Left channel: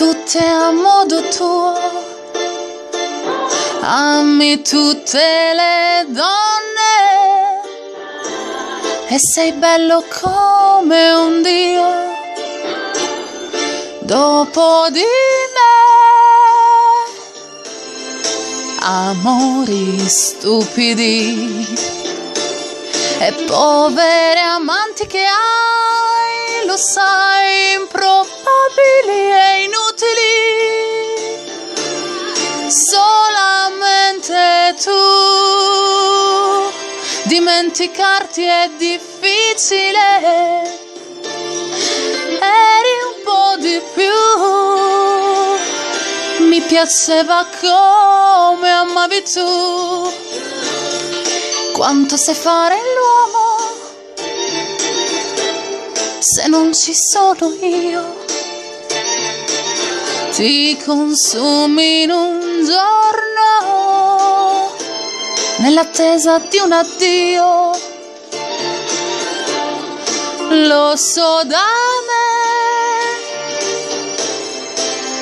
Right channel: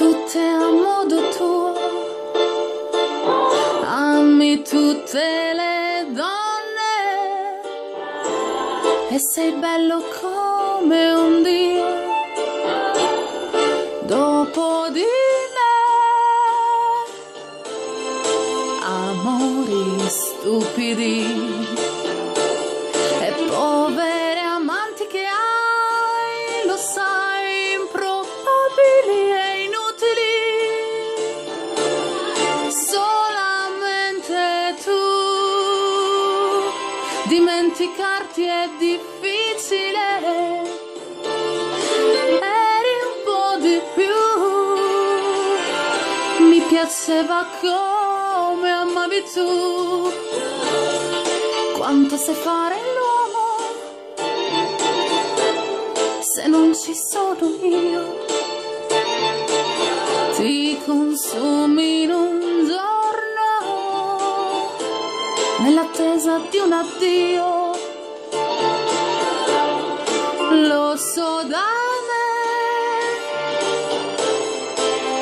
tutte a modo tuo, ami tutte le donne e sei bello come un dio. Dopo di me, amori stupidi e povere amanti che hai, lo sai, improbabili e inutili. Solamente tu, dimenticarti è difficile. Eri un po' di più, mi piaceva come amavi tu. Quanto sai fare l'uomo se non ci sono io? Ti consumi in un giorno nell'attesa di un addio. Lo so da me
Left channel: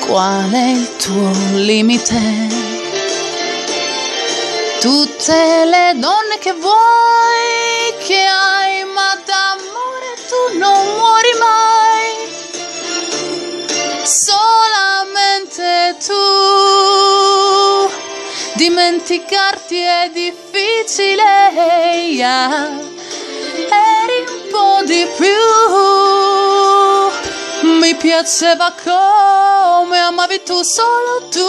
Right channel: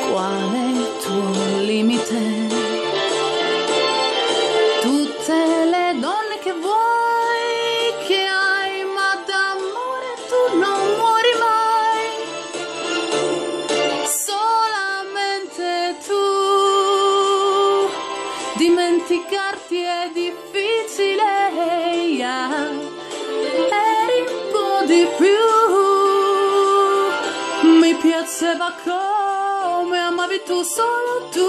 qual è il tuo limite. Tutte le donne che vuoi, che hai, ma d'amore tu non muori mai. Solamente tu, dimenticarti è difficile. Eri un po' di più, mi piaceva come amavi tu, solo tu.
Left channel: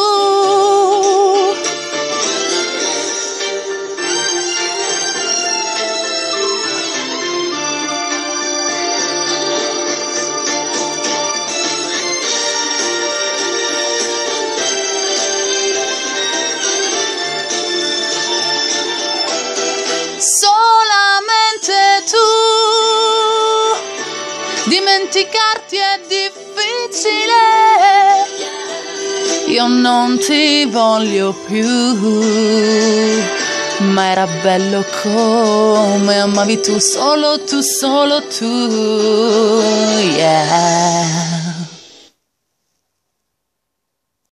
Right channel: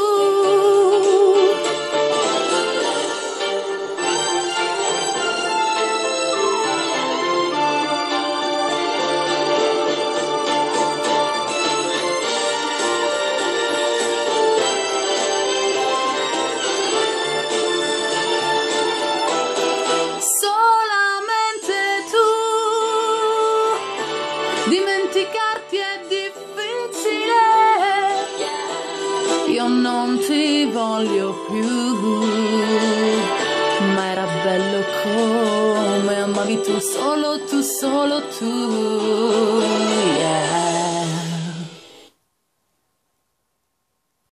Dimenticarti è difficile, io non ti voglio più, ma era bello come amavi tu, solo tu, yeah.